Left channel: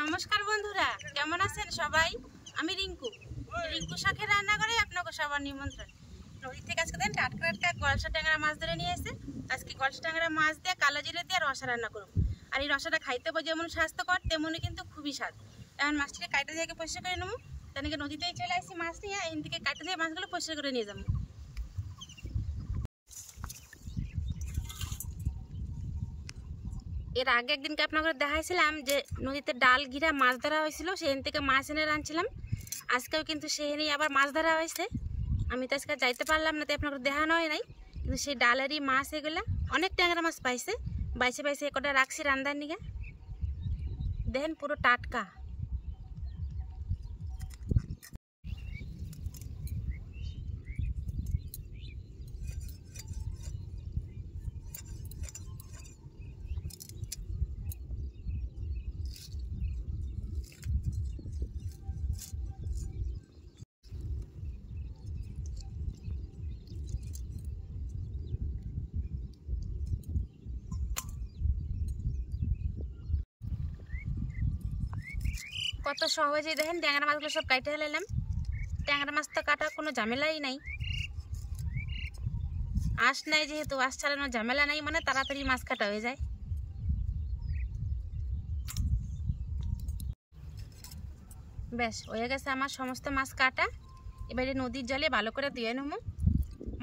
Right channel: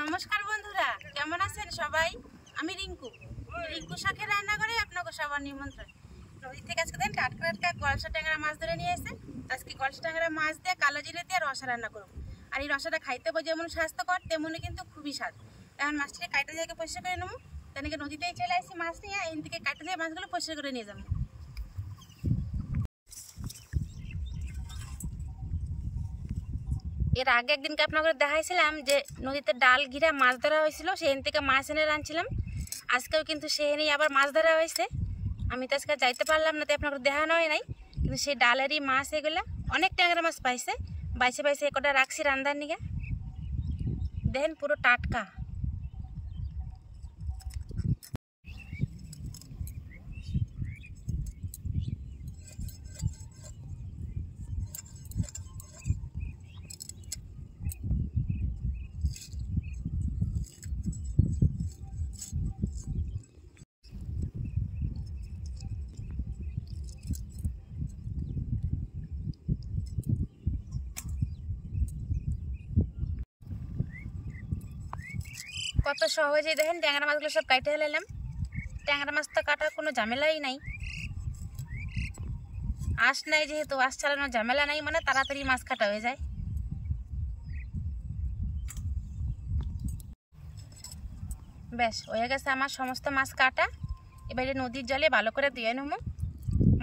নমস্কার বন্ধুরা, কেমন আছেন সবাই? আমি রিঙ্কু শাকের রান্না করে আপনাকে সবার নিমন্ত্রণ। নদী থেকে আজকে দেন টাটকা টাটকা গলসা ট্যাংরা মাছ ধরে নিয়ে এসে আজকে গলসা ট্যাংরা মাছ দিয়ে কালো জিরে দিয়ে রসা রান্না করুন। আর এই রসাটা খাইতে যেমন স্বাস্থ্যকর তেমনি কিন্তু খুবই স্বাদ। এখন মাছটাকে কাটতে যাকে পরিষ্কার করে নেবো। তেনাকে নদীতেই চলে আসি মাছ নিয়ে, এখান থেকে কাটতে যাই মাছগুলো পরিষ্কার করে নিয়ে যাবো। এর আগে একদিনকে আপনাদের দেখাইছিলাম যে নদীতে ডাল ঘিরা মাছ ধরা হয়েছিল, সেখান থেকে মাছ এনে রাঁধছিলাম। আজকেও কিন্তু সেখানেই আবার মাছ ধরা হয়েছে। আমি তো আজকে যাইতে পারলাম না, তাই আপনাদের দেখানোই নাই। কিন্তু সেই ডালেরই মাছ এগুলা অনেক ট্যাংরা মাছ পাইছে, বাইছে বাইছে একটা রাখছি রান্ধার নিগে। দেখেন পুরো টাটকা। কত সহজে দেখেন ট্যাংরা মাছগুলো সব কাটে ফেলাম। ট্যাংরা মাছ তো কাটার কোনো ঝামেলাই নাই, আঁশ নাই, যেহেতু আঁশ চালানোর ঝামেলা নাই, মানে তাড়াতাড়ি মাছ কাটা হয়ে যায়। বেশ হয়ে গেছে আমার সমস্ত মাছ কাটা। এবারে নদীর জলে ভালো করে ধুয়ে নেব।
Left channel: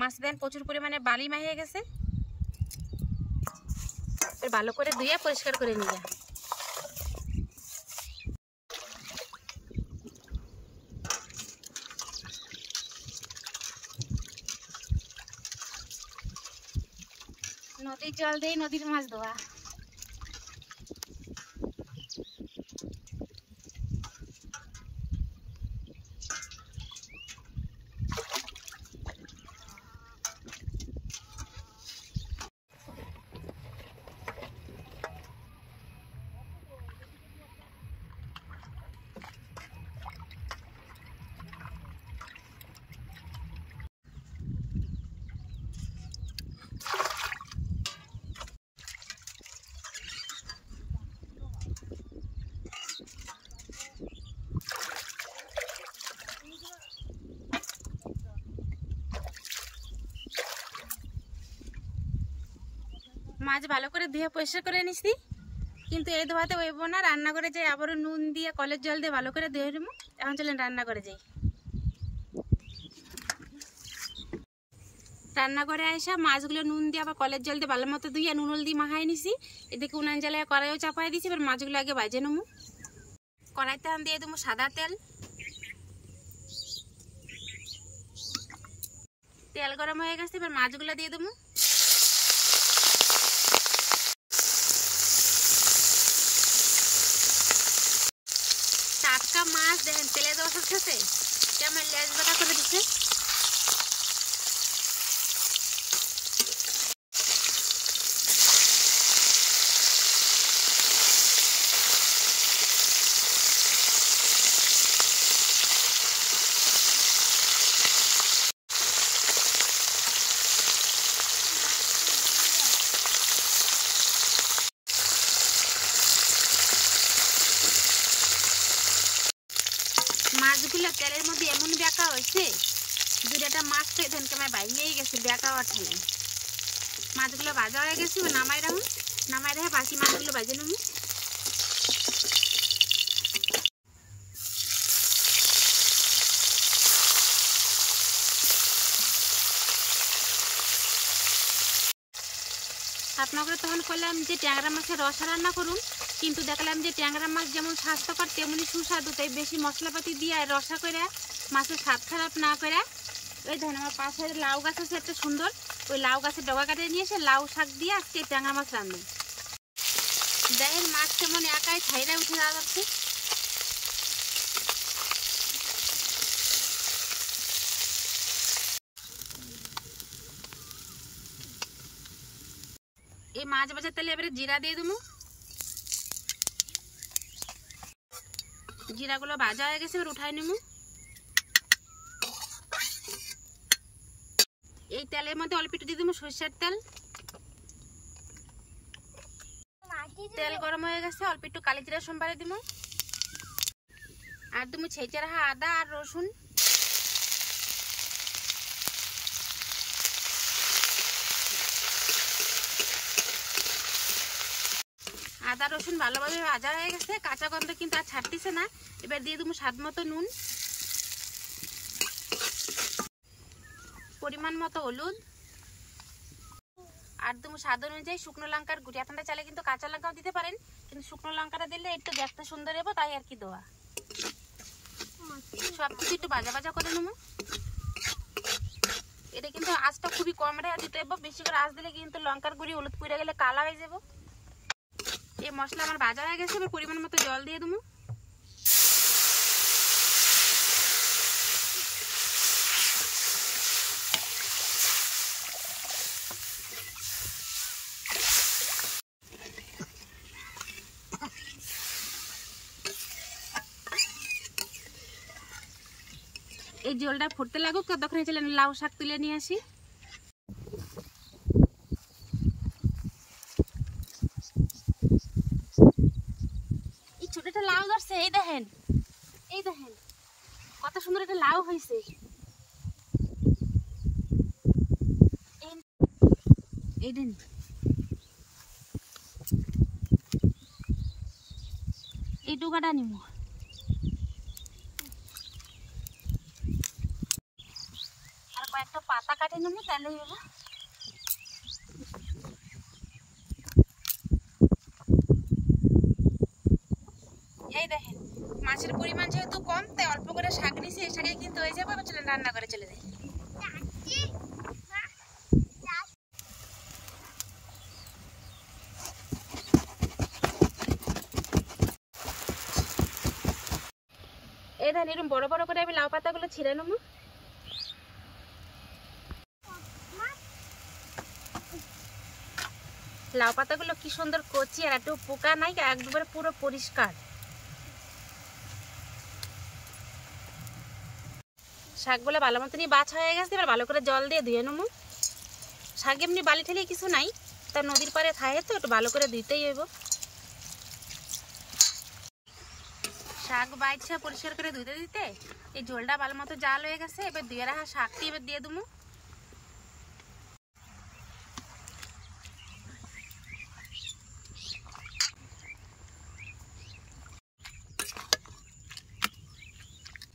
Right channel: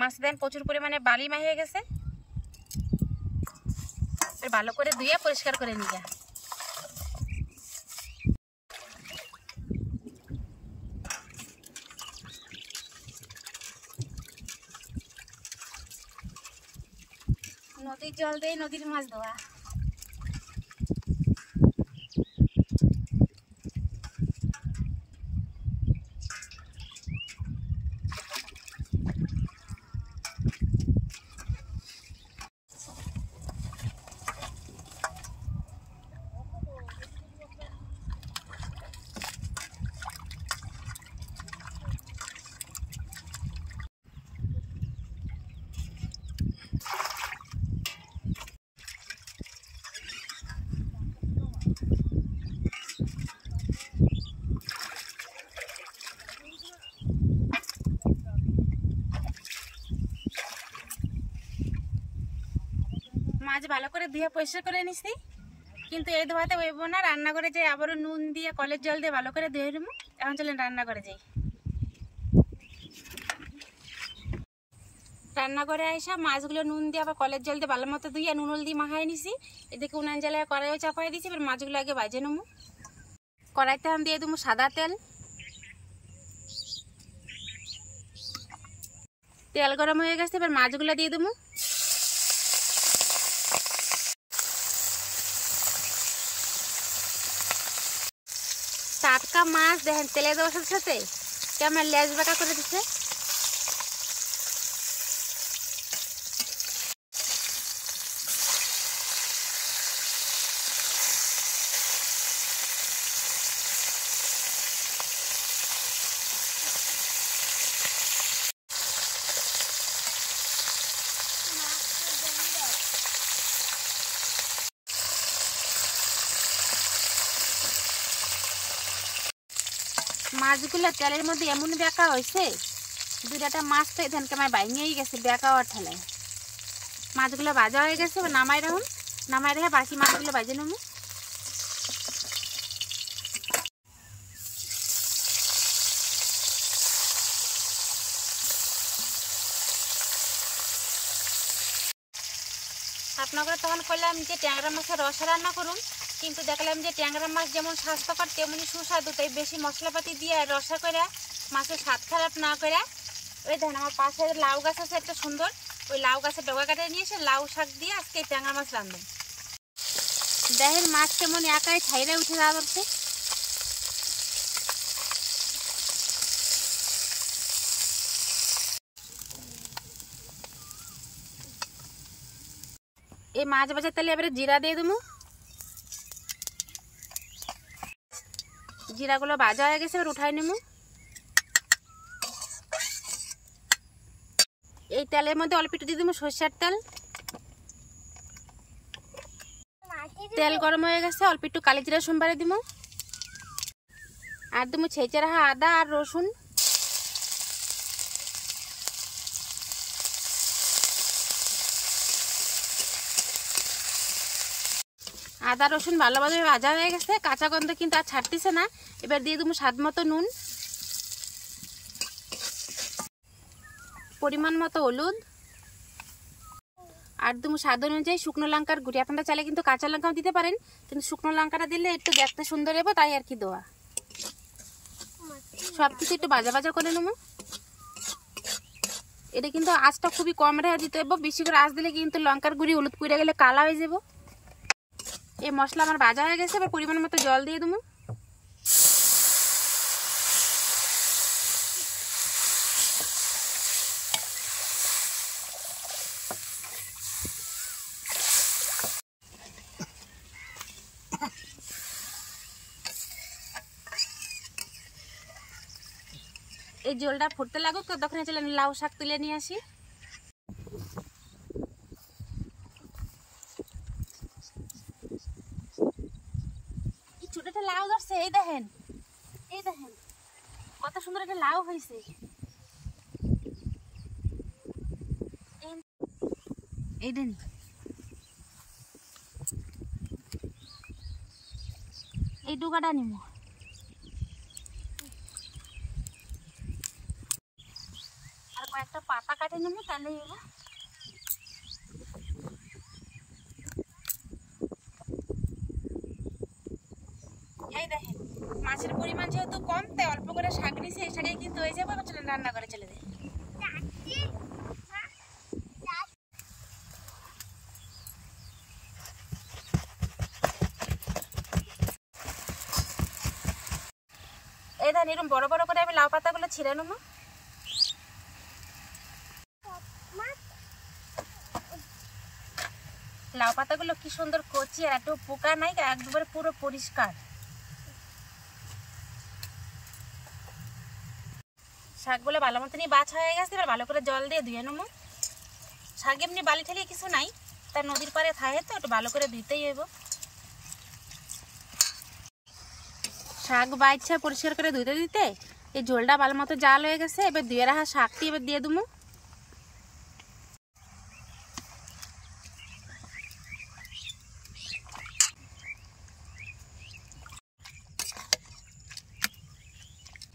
মাছ দেন প্রচুর পরিমাণে বালি হয়ে গেছে, ভালো করে ধুয়ে পরিষ্কার করে নিয়ে। নদীর জল দিয়ে নদীর মাছ ধোয়া। মাছ ভালো করে ধুয়ে পরিষ্কার করে নিছি, কিন্তু এই ধোয়াতে হইব না। রান্না করে যাই আবারও নুন দিয়ে কলের জল দিয়ে ভালো করে ধুয়ে নেবো। এখন চলেন রান্না করে যাই। রান্না করে আইসা মাছগুলো নুন দিয়ে আবার কলের জল দিয়ে ভালো মতো ধুয়ে নুন হলদি মাখাই নিছি। এদিকে উনান জ্বালায় কড়াইও চাপাই দিছি। এবার মাছগুলো আগে ভাজে নেবো। কড়াইতে আমি দিয়ে দেবো সাদা তেল। তেল গরম হয়ে গেছে, এবার মাছগুলো দিয়ে দেবো। টাটকা মাছ দেখেন তেলে দেওয়ার সাথে কেমন লেজ বাটা করে দিচ্ছে। মাছগুলো তেলের মধ্যে এমন বেঁকা হয়েছে, দুটা মাছ তো এখান থেকে আমার ভাঙিয়েই গেছে বেঁকা হওয়ার ঠেলায়। মাছগুলো ভাজা হয়ে গেছে, নামাই রাখুন। নামাই রেখে বাকি মাছগুলো ভাজে নেব। আপনাকে তখন করলাম যে ট্যাংরা মাছের রসা রান্না করুন, কিন্তু দেখলাম যে ট্যাংরা মাছ যেমন স্বাস্থ্যকর তেমনি সুস্বাদু, তাই বেশি মশলাপাতি দিয়ে রসা করে মাছের স্বাদ খারাপ না করে ওই দেখেন আমার পাশে লাউ গাছ আছে একটা সুন্দর, ওই লাউ গাছের ডগা কাটে নিয়ে এসে লাউ শাক দিয়ে আজকে ট্যাংরা মাছ রান্ধব। দেখেন মাছ কেমন একাই ছাইরা উঠে যাওয়া যাচ্ছে। এই মাছ ভাজার তেলে এবারে জিরা দিয়ে দেবো। জিরাগুলো ভাজা হয়ে গেছে, এবার উঠাই নেব। এই তেলের মধ্যে অল্প একটু দিয়ে দেবো সরষের তেল। তেল গরম হয়ে গেছে, অল্প একটু কালি জিরা সোমবারে দিব। আর তুমি ছেঁচে রাখা আদা আর রসুন, আদা রসুন ভালোভাবে ভাজা হয়ে গেছে, কাঁচা গন্ধ কিন্তু আর ছাড়তেছে না। এবার দিয়ে দেবো স্বাদ মতো নুন, পরিমাণ মতো হলুদ, আর দেবো স্বাদ অনুযায়ী শুকনো লঙ্কার গুঁড়ি। আপনারা চাইলে কিন্তু কাঁচা লঙ্কাও দিতে পারেন, কিন্তু শুকনো লঙ্কাটা দিলে একটু দেখতে সুন্দর হবে, তাই আর কি দেওয়া। সব কিছু একটু ভাজা ভাজা করে নেবো। এটা কিন্তু আঁচটা খুবই কম রেখে দিতে হবে, বেশি করে আঁচ দিলে কিন্তু লঙ্কার গুঁড়ি হলুদ পুড়ে গেলে কালা হয়ে যাব। এই মশলা আমার ভাজা হয়ে গেছে, এবার পরিমাণ মতো জল দিয়ে দেবো। এই জলটা ফুটতে লাগুক, ততক্ষণে চলে লাউ শাক তুলে নিয়ে আসি। এই ছোটটা লাউ ধরছে, এই দেখেন, এই দেখেন কত সুন্দর একটা লাউ হয়েছে। এই দেন, এই ডুগাটা নিব। আর কয়েকটা পাতা কাটে নেবো, তাহলে হবো। এই দেখেন, মাছের পরিমাণ যেহেতু কম, তাই অল্প করে শাক নিয়েছি, এই শাকে কিন্তু হয়ে যাবো। এবার চলেন রান্না করে চলে যাই। এই দেখেন, এরকম বড় বড় করে আমি লাউ পাতাগুলো ছিঁড়ে নেবো। লাউ পাতাগুলো কি সুন্দর কচি, আর একটু পোকা নাই, একবারে পুরো পরিষ্কার। শাকগুলো ভালো মতনই বাছা হয়ে গেছে, এবার ভালো করে জল দিয়ে ধুয়ে নেবো। শাক এমনি বালি ঠেলি কিছু নাই, তার নদীর পাড়ে খায় তো একটু ভালো করে ধুইতেই হইব। শাক বাইছে পরিষ্কার করে ধুইতে দিতে এই ঝোলটা ভালো মতো জাল হয়ে গেছে। এবার ধুয়ে রাখা শাকটি এবার দিয়ে দেবো।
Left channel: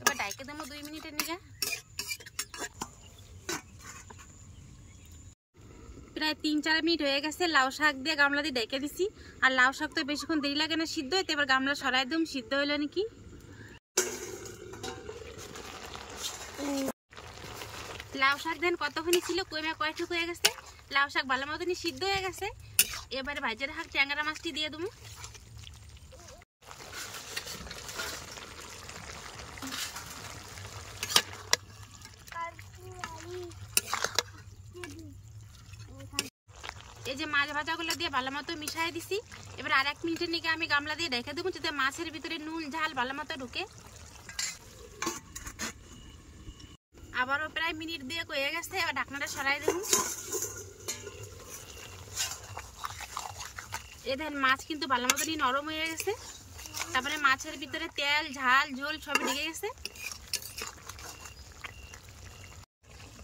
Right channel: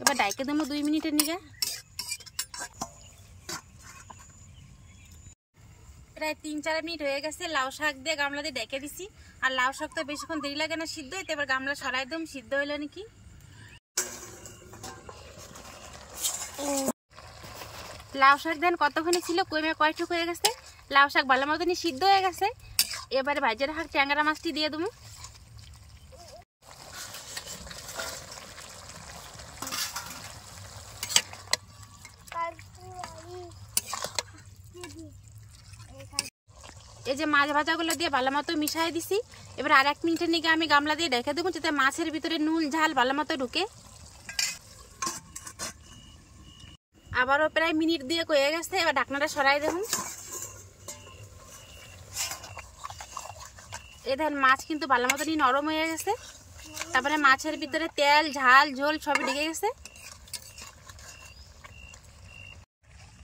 এবার ডাইকে দেবো 2 মিনিটের নিগে। প্রায় 3-4 মিনিট হয়ে গেছে। লাউ শাক দিয়ে গামলা দিয়ে ডেকে দিছি। আর লাউ শাক তো বেশিক্ষণ দেরি লাগে না সিদ্ধ হইতে। এবার গামলা সরাই দিম, সিদ্ধ হইলো নাকি। লাউ শাক দেন কতক্ষণে ছিল, কয়টুক হয়ে গেছে। লাউ শাক ভালো মতনই সিদ্ধ হয়ে গেছে। এবারে ভাজে রাখা ট্যাংরা মাছটি দিয়ে দেবো। এই যে মাছ ভাজাগুলো দিয়ে ভালো মতো মিশাই দিছি। এবার আর 1 মিনিটের নিকে আমি গামলা দিয়ে ঢেকে দেবো, যাতে মাছের ভিতরে নুন ঝাল ভালো মতো ঢুকে। আবারও প্রায় মিনিট দিয়ে হয়ে গেছে। এবার ঢাকনাটা সরাই দেবো। এই দেখেন মাছ কিন্তু ভালো মতনই নরম হয়ে গেছে। তারপরে মাছের ভিতরে তেল ঝাল ঝোল সবই ঢেকে গেছে।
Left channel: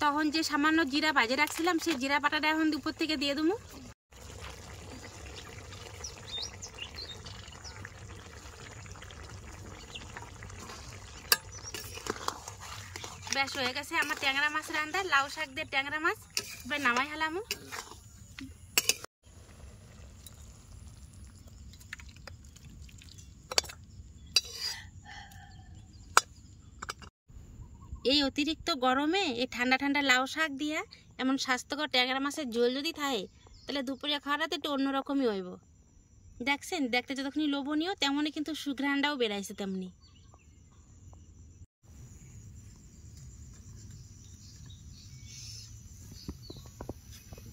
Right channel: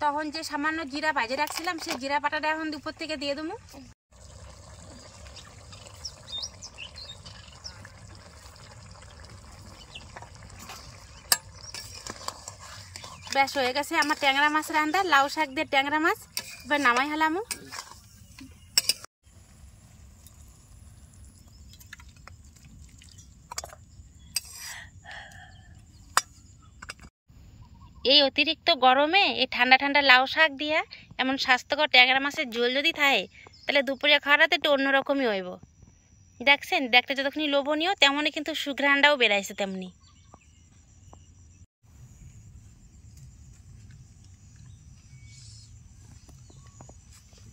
তখন যে সামান্য জিরা ভাজে রাখছিলাম, সেই জিরা বাটাটা এখন উপর থেকে দিয়ে দেবো। বেশ হয়ে গেছে আমার ট্যাংরা মাছ রান্না, লাউ শাক দিয়ে ট্যাংরা মাছ। এবার নামাই হলাম। এই অতিরিক্ত গরমে এই ঠান্ডা ঠান্ডা লাউ শাক দিয়া এমন স্বাস্থ্যকর ট্যাংরা মাছের ঝোল যদি থাকে, তাহলে দুপুরে খাওয়াটা একটু অন্যরকমই হইব। দেখছেন, দেখতে যতক্ষণই লোভনীয়, তেমনই কিন্তু সুঘ্রাণটাও বেড়াইছে তেমনি।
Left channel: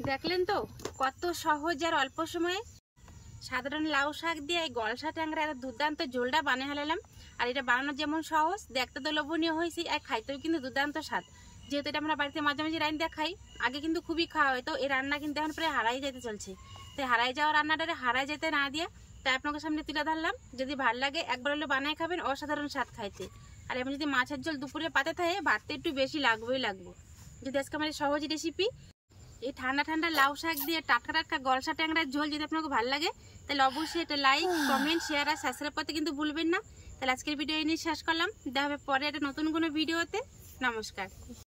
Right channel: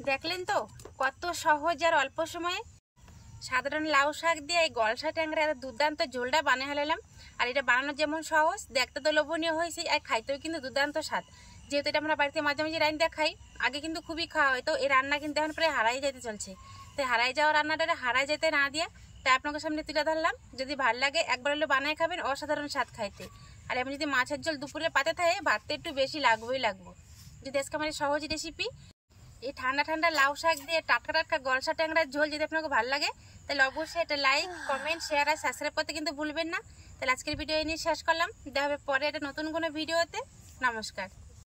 দেখলেন তো কত সহজ আর অল্প সময়ে সাধারণ লাউ শাক দিয়ে এই গলসা ট্যাংরা দুর্দান্ত ঝোলটা বানিয়ে ফেলাম। আর এটা বানানো যেমন সহজ, দেখতে তো লোভনীয় হয়েছে, আর খাইতেও কিন্তু দুর্দান্ত স্বাদ। যেহেতু এটা আমরা বাড়িতে মাঝে মাঝে রান্না খাই, আগে কিন্তু খুবই খাওয়া হয়, তো এই রান্না কিন্তু এখন প্রায় হারাই যেতে চলছে। তাই হারাই যাওয়া রান্নাটা হারাই যেতে না দিয়ে তাই আপনাদের সামনে তুলে ধরলাম। যদি ভালো লাগে একবার হলে বানায় খাবেন, অসাধারণ স্বাদ খাইতে। আর এমন যদি মাছের ঝোল দুপুরে পাতে থাকে, ভাতটা একটু বেশি লাগবো। যদি আজকে আমার সহজ রেসিপি, এই ঠান্ডা ঠান্ডা লাউ শাক দিয়ে টাটকা টাটকা গলসা ট্যাংরার ঝোল যদি আপনাকে ভালো লাগে, তাহলে অবশ্যই এটা লাইক, কমেন্ট, শেয়ার আর সাবস্ক্রাইব করতে কিন্তু ভুলবেন না। তাহলে আজকের ভিডিও এই নিয়ে শেষ করলাম। দেখা হবে পরে একটা নতুন কোনো ভিডিওতে। নমস্কার।